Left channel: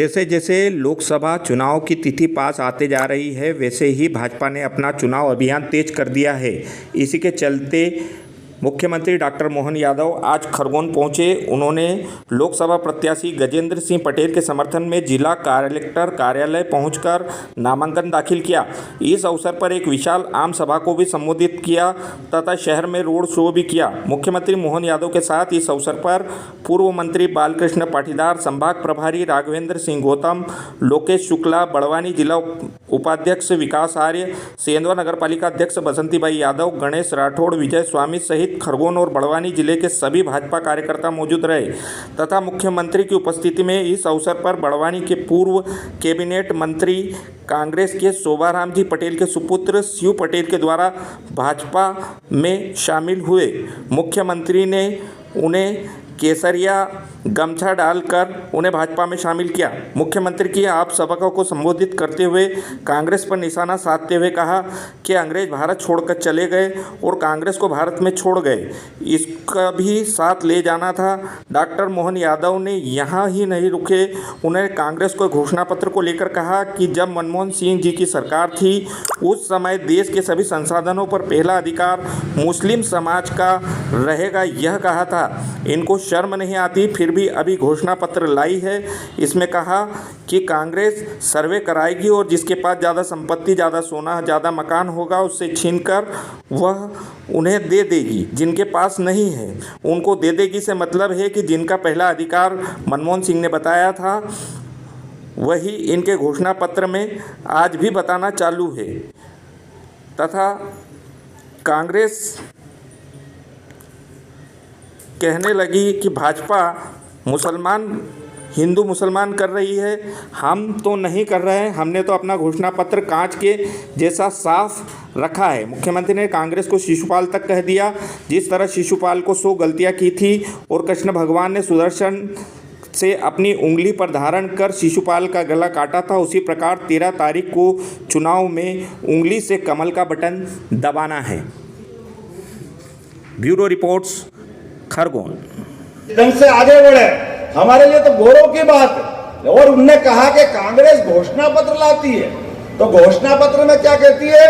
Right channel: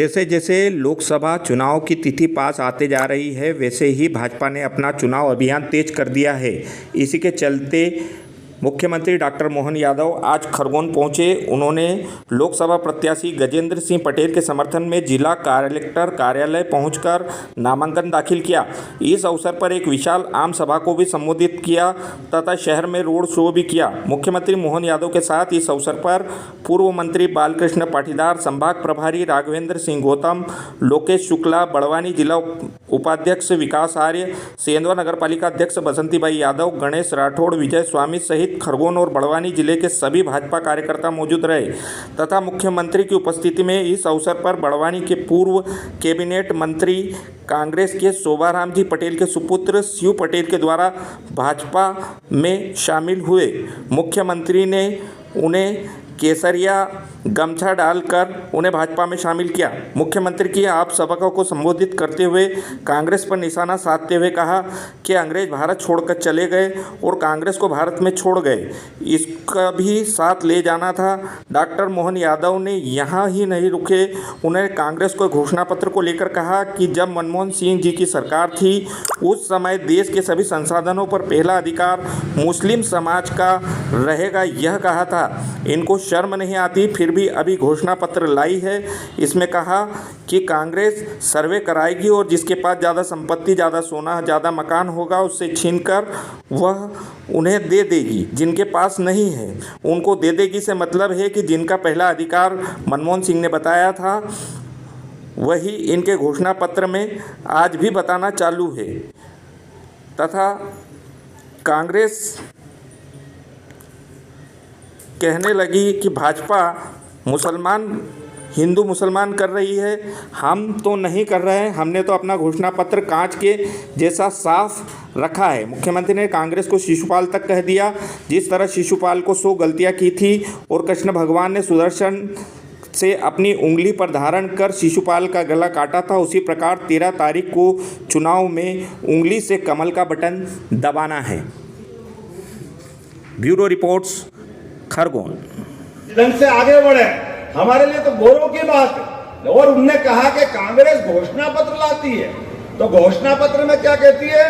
जैसे जैसे लोकसभा चुनाव की तिथि पास आते जा रही है, वैसे ही भाजपा ने अपना चुनाव अभियान तेज कर दिया है। इसी के चलते मुख्यमंत्री डॉक्टर मोहन यादव आज खरगोन पहुंचे। उन्होंने लोकसभा प्रत्याशी गजेंद्र सिंह पटेल के समर्थन में जिला कलेक्टर कार्यालय पहुंचकर नामांकन दाखिल किया। इस अवसर पर एक विशाल आम सभा को भी संबोधित किया तथा शहर में रोड शो भी किया। मुख्यमंत्री मोहन यादव के साथ इस अवसर पर पूर्व मंत्री बालकृष्ण पाटीदार, संभाग प्रभारी राघवेंद्र सिंह गौतम, लोकेश शुक्ला, बड़वानी जिला उपाध्यक्ष विकास आर्य, सेंधवा नगरपालिका अध्यक्ष बसंतीबाई यादव, गणेश राठौड़, विजय स्वामी सहित खरगोन और बड़वानी जिले के सभी भाजपा कार्यकर्ता मौजूद रहे तथा मुख्यमंत्री की उपस्थिति में इस अवसर पर बड़वानी के पूर्व कैबिनेट मंत्री कांग्रेस के शोभाराम जी पटेल के सुपुत्र शिव पटेल के द्वारा भाजपा में शामिल हुए। मुख्यमंत्री ने उन्हें केसरिया गमछा डालकर उन्हें भाजपा में शामिल किया। मुख्यमंत्री की आप सभा को संबोधित करते हुए कांग्रेस पर निशाना साधते हुए कहा कि अंग्रेज भारत छोड़कर चले गए और कांग्रेस को भारत में छोड़ गए, इसका भी साथ ले जाना था। डॉक्टर मोहन यादव ने यहाँ ही नहीं रुके, उन्होंने कांग्रेस को घोषणा पत्र को लेकर कहा कि जब मनमोहन सिंह जी की सरकार थी उस समय देश के सभी संसाधनों पर पहला अधिकार मुस्लिम समाज का रहेगा, यह कहा था। इनको शर्म नहीं आती, फिर भी अभी घोषणा पत्र लाई है। इसमें कहा कि कांग्रेस सर्वे कराएगी और जिसके पास ज़्यादा संपत्ति, ज़्यादा सोना, ज़्यादा मकान होगा उससे छीनकर वह उन्हें दे देगी, जिनके पास नहीं है उनको दे देगी से मतलब है कि जिनका पहला अधिकार मनमोहन सिंह ने बताया था वही इनके घोषणा पत्र में आज भी बताना चालू है। तथा कांग्रेस कहने लगी कि भाजपा हिंदू मुसलमान कर रही है, हम तो नहीं कर रहे हैं, हमने तो अपना घोषणा पत्र कांच के जैसा साफ रखा है। मुख्यमंत्री ने कांग्रेस को शिशुपाल तक कह दिया। जिस तरह शिशुपाल को 100 गलतियां की थी और कृष्ण भगवान ने सुदर्शन से अपनी उंगली पर धारण कर शिशुपाल का गला काटा था, उसी प्रकार 13 तारीख को चुनाव में उंगली से कमल का बटन दबाना है। Bureau reports, Khargone. ढंग से आगे बढ़े, हमारे लिए तो गौरव की बात है। और उनने कहा कि कांग्रेस घोषणा पत्र लाती है, तो घोषणा पत्र में क्या कहती है?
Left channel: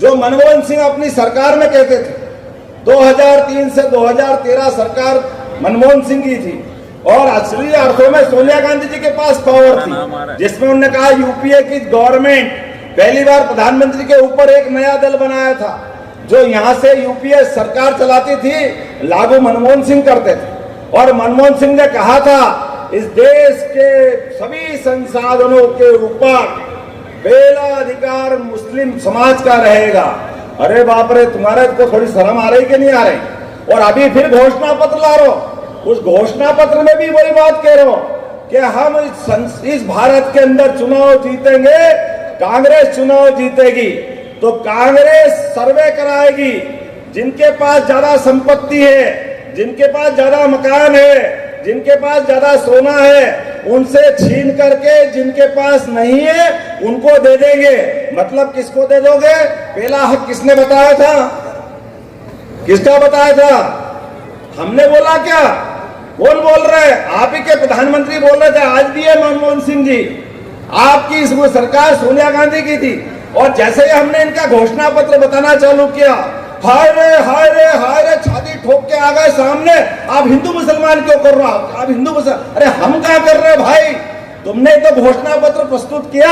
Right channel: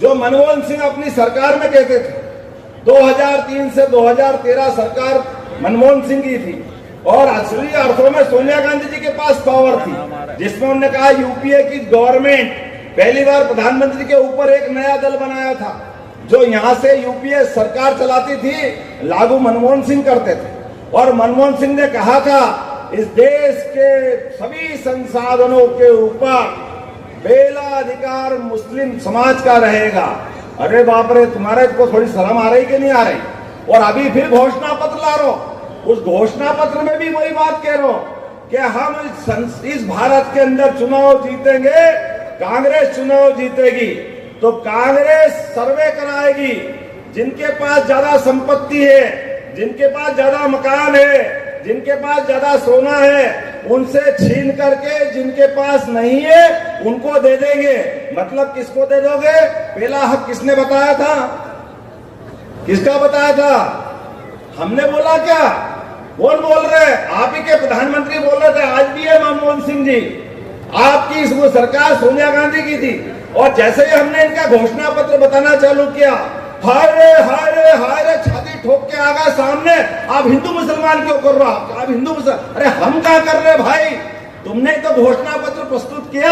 जो मनमोहन सिंह अपनी सरकार में कहते थे, 2003 से 2013 सरकार मनमोहन सिंह की थी और असली अर्थों में सोनिया गांधी जी के पास पावर थी, जिसमें उन्होंने कहा यूपीए की गवर्नमेंट पहली बार प्रधानमंत्री के ऊपर एक नया दल बनाया था जो यहां से यूपीए सरकार चलाती थी, लागू मनमोहन सिंह करते थे। और मनमोहन सिंह ने कहा था इस देश के सभी संसाधनों के ऊपर पहला अधिकार मुस्लिम समाज का रहेगा। अरे बाप रे, तुम्हारे को थोड़ी शर्म आ रही कि नहीं आ रही? और अभी फिर घोषणा पत्र ला रहे हो। उस घोषणा पत्र में भी बड़ी बात कह रहे हो कि हम इस भारत के अंदर चुनाव जीतेंगे, कांग्रेस चुनाव जीतेगी। तो कांग्रेस सर्वे कराएगी, जिनके पास ज्यादा संपत्ति है, जिनके पास ज्यादा मकान है, जिनके पास ज्यादा सोना है, उनसे छीन करके जिनके पास नहीं है उनको दे देंगे। मतलब किसको दे दोगे? पहला हक किसने बताया था? किसका बताया था? हमने बोला क्या? कौन बोल रहे? आप ही के प्रधानमंत्री बोल रहे थे। आज भी है मनमोहन सिंह जी, आपकी इस सरकार सोनिया गांधी की थी। और जैसे ही हमने इनका घोषणा पत्र बताना चालू किया, हाय रे हाय रे हाय रे, छाती ठोक के आ गए सामने, आप हिंदू मुसलमान क्यों कर रहे हो? आप हिंदू मुसलमान? अरे हम क्या कर रहे हैं भाई? तुमने तो घोषणा पत्र प्रस्तुत किया,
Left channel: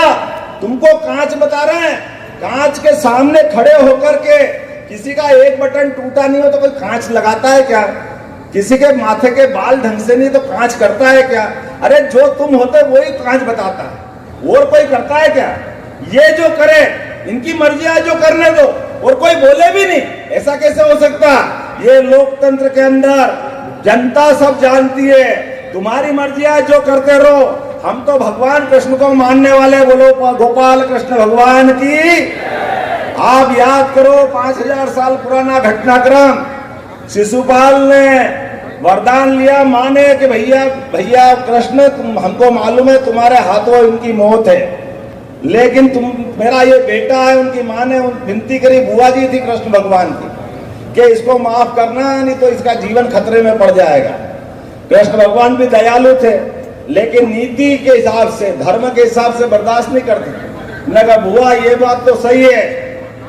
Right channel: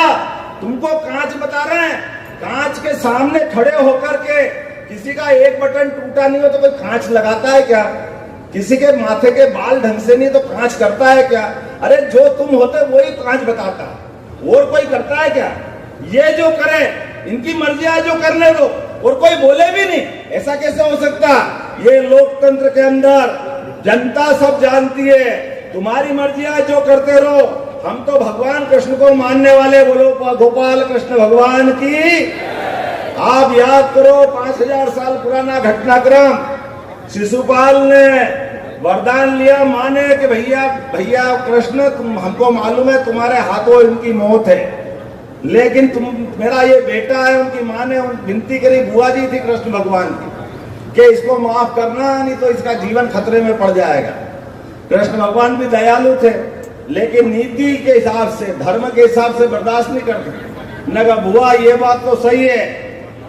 तुमको कांच बता रहे हैं। कांच के सामने खड़े होकर के किसी का एक बटन टूटा नहीं हो तो कोई कांच लगाता है क्या? किसी के माथे के बाल ढंग से नहीं तो कांच करता है क्या? अरे जो तुम होते वही कांच बताता है, और कोई करता है क्या? ये जो करे इनकी मर्जी है, जो करने दो, और कोई बोले भी नहीं। ऐसा कैसे हो सकता? ये लोकतंत्र के अंदर जनता सब जानती है, तुम्हारी मर्जी है, जो करते रहो। हम तो भगवान कृष्ण को मानने वाले, बोलो गोपाल कृष्ण भगवान की। आप याद करो 5000 साल पुराना घटनाक्रम। शिशुपाल ने वरदान लिया माँ ने कि भैया भैया कृष्ण, तुम हमको मालूम है तुम्हारे हाथों इनकी मौत है, लेकिन तुम मेरा ये बेटा है। उनकी माँ ने विनती करी, बुआ जी थी कृष्ण भगवान की, कि इसको माफ करना, नहीं तो इसका जीवन खतरे में पड़ जाएगा। कृष्ण भगवान भी दयालु थे, लेकिन नीति के हिसाब से, धर्म के हिसाब से बर्दाश्त नहीं करते। मैंने कहा बुआ ये बात तो सही है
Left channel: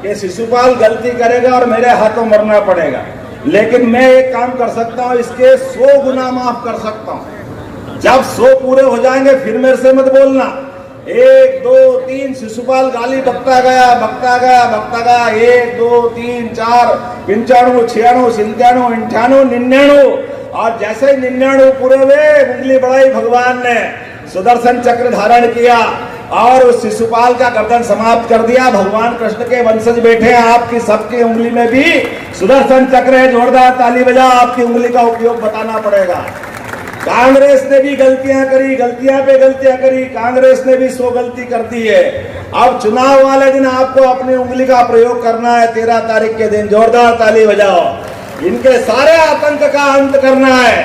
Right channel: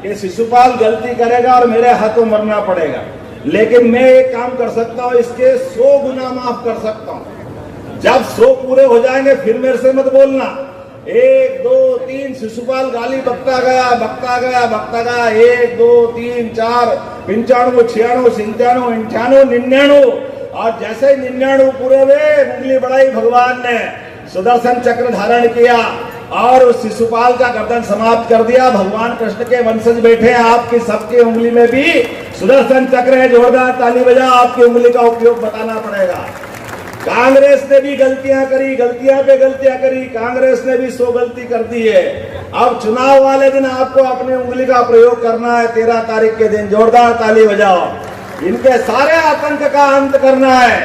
कि शिशुपाल गलती करेगा और मेरे हाथों मरना पड़ेगा, लेकिन मैं एक काम कर सकता हूँ, इसके 100 गुना माफ कर सकता हूँ। जब 100 पूरे हो जाएंगे फिर मेरे से मत बोलना। 1 2 3 शिशुपाल गाली बकता गया 1 2 3 4 95 96 97 98 99 और जैसे ही 99 पूरे हुए उंगली बढ़ाई, भगवान ने सुदर्शन चक्र धारण किया और उस शिशुपाल का गर्दन समाप्त कर दिया। भगवान कृष्ण के वंशज बैठे हैं, आपकी सबकी उंगली में भी सुदर्शन चक्र है। जोरदार ताली बजा, आपकी उंगली का उपयोग बताना पड़ेगा। कांग्रेस ने भी गलतियां करी, गलतियां पे गलतियां करी, कांग्रेस ने भी 100 गलती कर दी है। अब चुनाव वाले दिन आपको अपनी उंगली का प्रयोग करना है, 13 तारीख के दिन। जोरदार ताली बजाओ। इनके सारे आतंक का अंत करना है।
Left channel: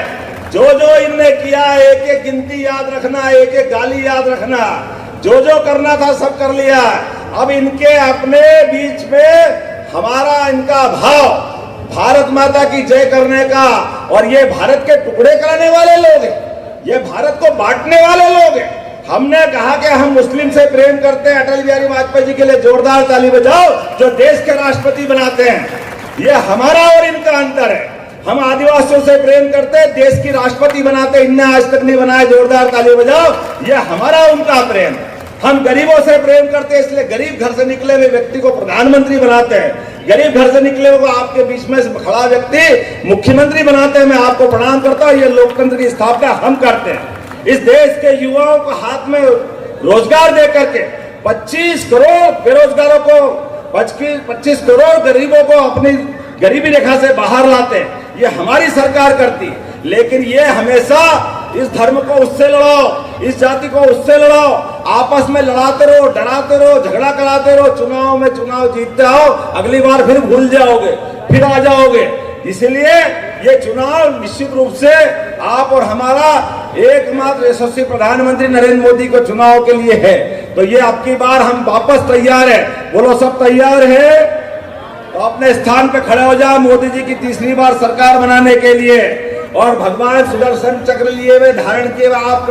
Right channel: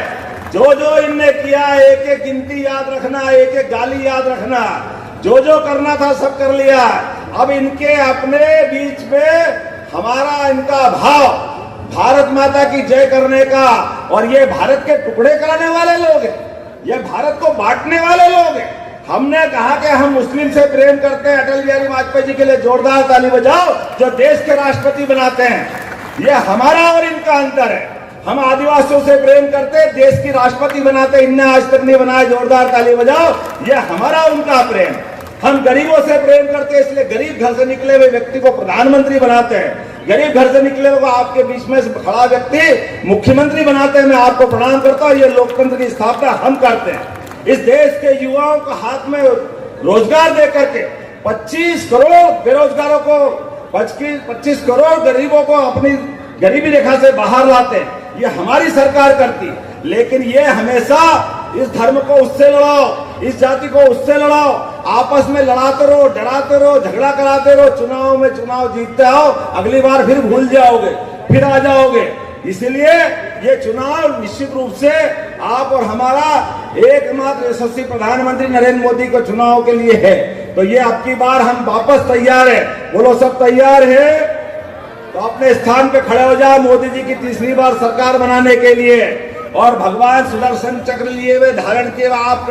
जो जो इनने किया है, एक एक गिनती याद रखना, एक एक गाली याद रखना, जो जो करना था सब कर लिया। अब इनके अपने बीच में हमारा इनका भाव भारत माता की जय करने का, और ये भारत के टुकड़े कराने वाले लोग हैं, ये भारत को बांटने वाले लोग हैं। हमने कहा कि हम मुस्लिम से प्रेम करते हैं, अटल बिहारी वाजपेयी जी के लिए जोरदार ताली बजाओ, जो देश के राष्ट्रपति बनाते हैं। ये हमारा और इनका अंतर है। हम आदिवासियों से प्रेम करते हैं, देश की राष्ट्रपति बनाते, इनने आज तक नहीं बनाया। जोरदार ताली बजाओ। ये हमारा उनका प्रेम। हम गरीबों से प्रेम करते हैं, इसलिए गरीब घर से निकले हुए व्यक्ति को प्रधानमंत्री बनाते हैं। गरीब घर से निकले हुए आपके बीच में खड़ा व्यक्ति मुख्यमंत्री बनाते हैं। मैं आपको प्रणाम करता हूँ। ये लोकतंत्र की स्थापना हम करते हैं। इस देश के युवाओं को हाथ में रोजगार दे करके 25 करोड़ बेरोजगारों को, 25 करोड़ गरीबों को अपनी गरीबी रेखा से बाहर लाते हैं। ये हमारी सरकार करती। लेकिन ये हमेशा इस धर्म को उससे लड़ाओ, इस जाति को उससे लड़ाओ, आपस में लड़ाते रहो, डराते रहो, झगड़ा कराते रहो, चुनाव में चुनाव जीतते आओ, अगली बार फिर भूल जाओगे, फिर आ जाओगे। इसलिए ये चुनाव निश्चित रूप से आप और हमारा एकमात्र यशस्वी प्रधानमंत्री नरेंद्र मोदी को चुनाव के लिए है। तो ये अब की बार हम वापस तैयार है। बोलो सब तैयार है? तो अपने स्थान पे खड़े हो जाओ मोदी जी की तीसरी बार सरकार बनाने के लिए। और भगवान सुदर्शन चक्र लिए हुए धारण किए आप